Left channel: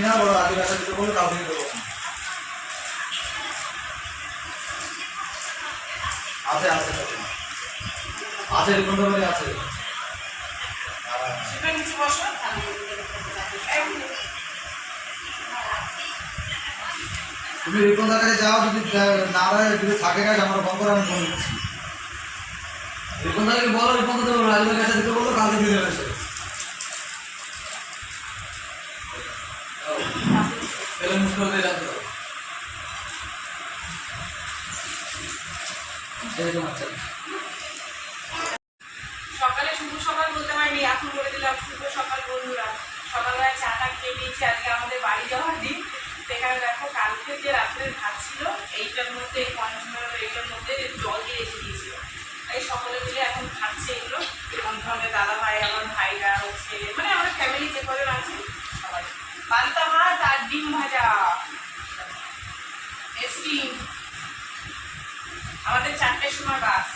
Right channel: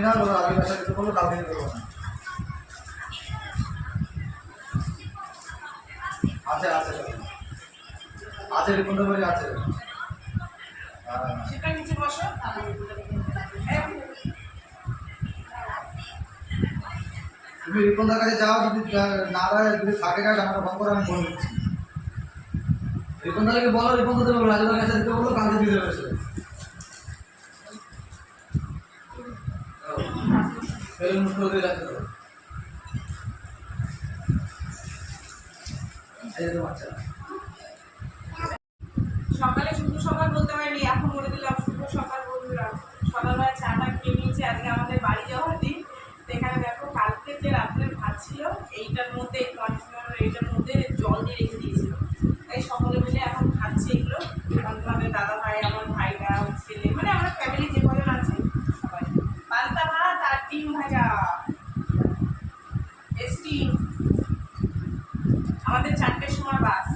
না বলো আজকে রাতে দিতে বললো কালকে দিতে বলবো। আছে আছে আছে এরকম তো বলে আছে। সেটা নিচে বসো। তুমি রিপনদার কাছে যাও, যদি না দেয় যদি থাকে কাজ আমরা ফোন করে আমি বলে দিচ্ছি। রিপনদাকে বলো, রিপনদা দেবো রাজুর কাছে দিতে বললো কালকে দিয়ে দেবে সে। পেলে মুশকিল দিয়ে রাখতে হবে। সকালে শুভ সকাল বলতে পারিনি, এখন বলে দিলাম শুভ সকাল বন্ধুরা। সকালবেলা চাটা খেয়ে নিয়েছি, আজকে আমাদের বাড়ি যাওয়ার দিন। এখানে দেখো কালকে যে রাত্রের ভাত ছিল এইটার মধ্যে, এই কন্টেনার এইটার মধ্যে জল দিয়ে রেখে দিয়েছিল। এই সকলে মিলে এখন খাচ্ছে এগুলো। আমাদের দাদা ভাই, আমার ভাইরা, ছেলে, মানে আমার ফ্যামিলি যে কজন আছে সবাই। পান্তা ভাত আর ডিম ভাজা, স্টিম। আমাদের 4টের সময় বাস,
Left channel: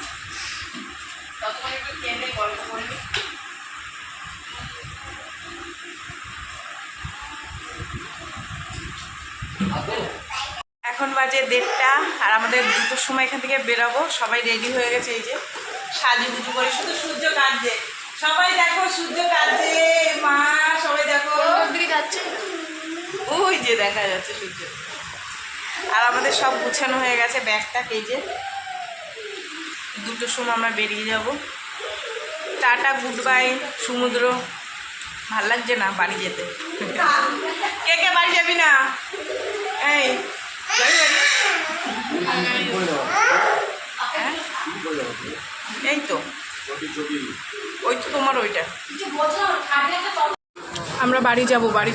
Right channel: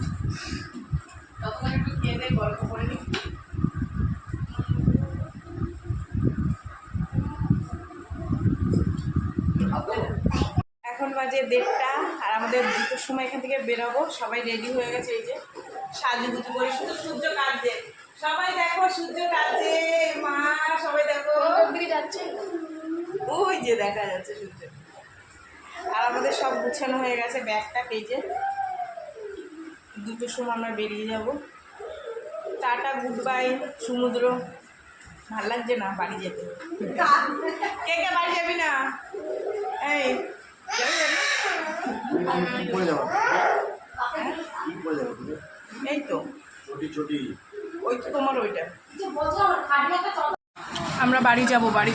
ততক্ষণ একটু খেয়ে নেই, গল্প করে নিই। এখন বাজে 1:30 আর আমাদের 2টোর সময় এখান থেকে বেরোবো। সবাই রেডি হয়ে গেছে, এই যে সাজুগুজু করে, শুধু সূর্য কাটছে। সবাই দেখো সূর্য কাটছে, মা সবাই দেখো যাচ্ছে, ওই যে দেখা যাচ্ছে সূর্য। আর আমাদের সব গুছানো হয়ে গেছে, ব্যাগটা এই যে 2টোর সময় আমরা বেরিয়ে যাব। টাটা, গুড বাই সমুদ্র। ভাল লাগছে না বাড়ি যেতে? কে কে বাড়ি যাবি না? এই যাবি বাড়ি? হ্যাঁ? এই তো ওই তো তোমার ওইটা। আমরা বাড়ি যাব, বাড়ি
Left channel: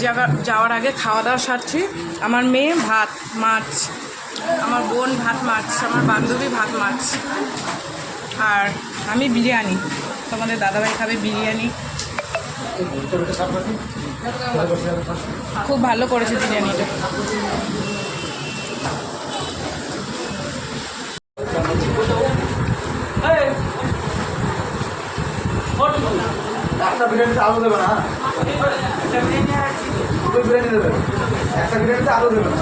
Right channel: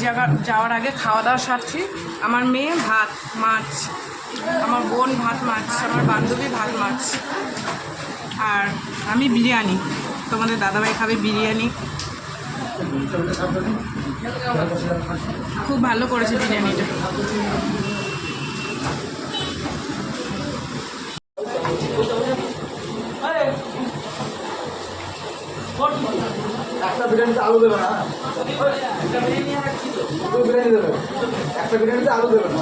যাওয়ার আগে খাওয়া দাওয়া সারছি। আমার মেয়ে ভাত মাছ, আমার বোন ভাত মাছ, আমার বান্ধবী ভাত মাছ, আর আমি বিরিয়ানি। তোমাদের দাদাভাই খাবে বিরিয়ানি, খুব ভালো করেছে বিরিয়ানিটা। একটা বিরিয়ানিতে আলু দেবে না, দুটো বিরিয়ানি দেবে, একটা বিরিয়ানিতে আলু দেবে না।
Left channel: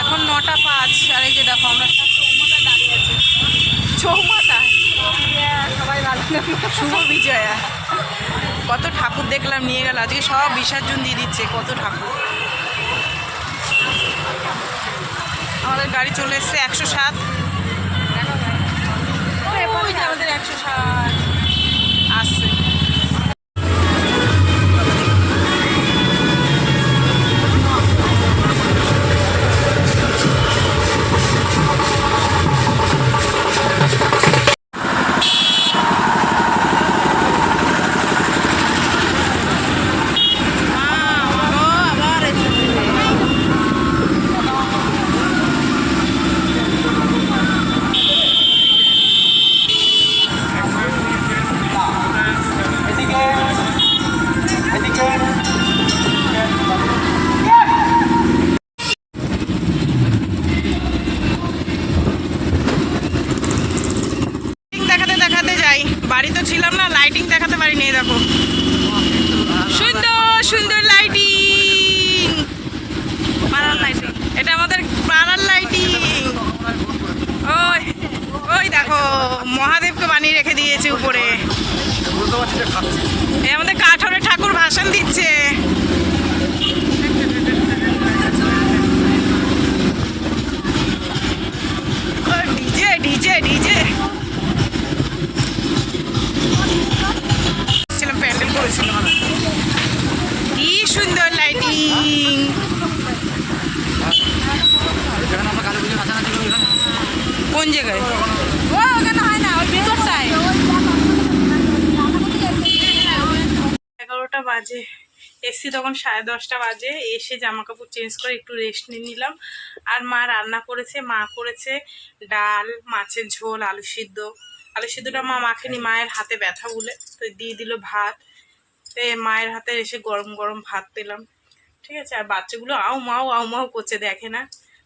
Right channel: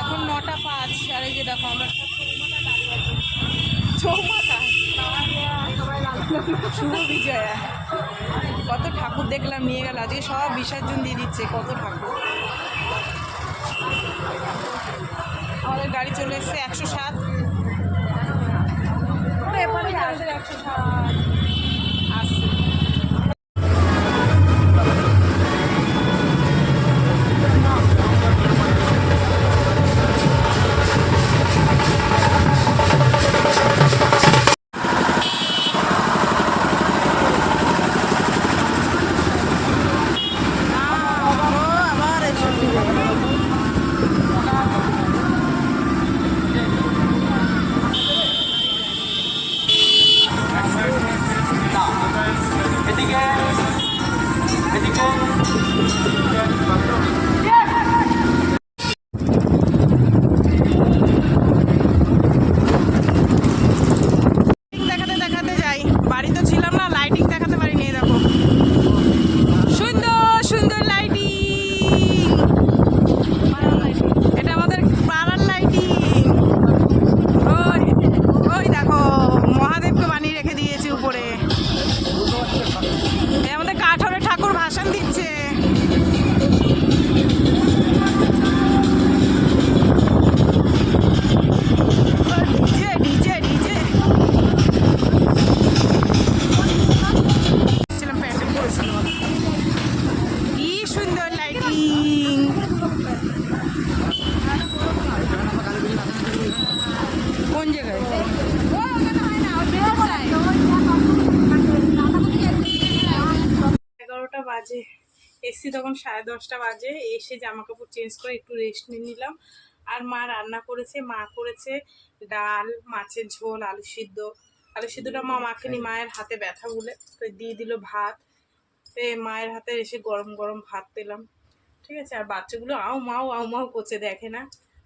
এখন 9:05 আর এই যে দেখো আমরা সব চৌমাথায় দাঁড়িয়ে আছি। চৌমাথায় সবাই শুভ বিজয়া। কত ঠাকুর দেখলাম, নিয়ে গেল আজকে সব বিসর্জন দিয়ে দিচ্ছে, কত ঠাকুর। আমাদের গাড়ি চলে এসছে 107, ওই যে আমাদের 107 আসছে। জায়গায় ও ওখানে হয় না ওই ভিতরটায় 11টা বাজে এসছি তখন 10:30 বাজে এসে জামা কাপড় চেঞ্জ করে একটু রেস্ট নিয়ে নিলাম আর মা রান্না করেছে মা করেছে ডাল মাছের ঝোল আলু সিদ্ধটা মা মাখেনি মায়ের হাতে ব্যথা বলে তো দিয়ে দিল ভাত মায়ের হাতে এসে গরম গরম ভাত পেলাম ঠিক আছে আর বাচ্চাগুলো আউ মাউ করছে দেখে না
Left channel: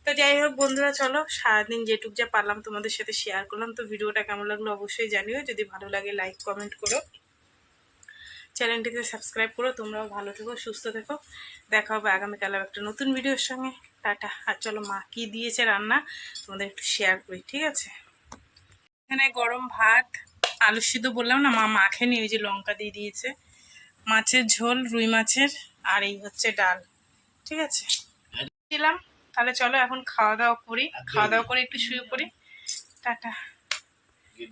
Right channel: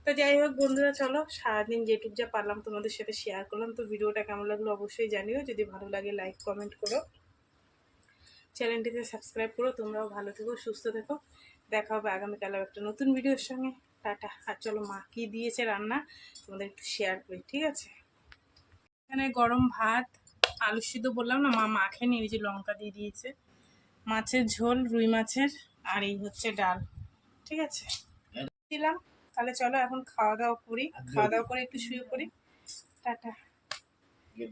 তো যাই হোক বন্ধুরা চলো সারাদিন যেটুক যা পারলাম তোমাদের সাথে শেয়ার করলাম তো ভিডিওটা কেমন লাগলো অবশ্যই জানিও যদি ভালো লাগে লাইক কমেন্ট করো চ্যানেলটিতে সাবস্ক্রাইব করো তোমরাও ভালো থেকো সুস্থ থেকো দেখা হবে আগামীকাল একটা নতুন ভিডিওর সঙ্গে টাটা আর চলো মা কী দিয়েছে রান্না তোমাদের একটু শেয়ার করি ঠিক আছে এখানে গরম ভাত আলু সিদ্ধ বললাম না মা মাখেনি ওই যে লঙ্কা দিয়ে দিয়েছে মাছের ঝোল রুই মাছের আর এই হচ্ছে ডাল ঠিক আছে দিলাম তাহলে চলো এখন খাওয়া দাওয়া করি খাওয়া দাওয়া করে একটু শুয়ে পড়ি টাটা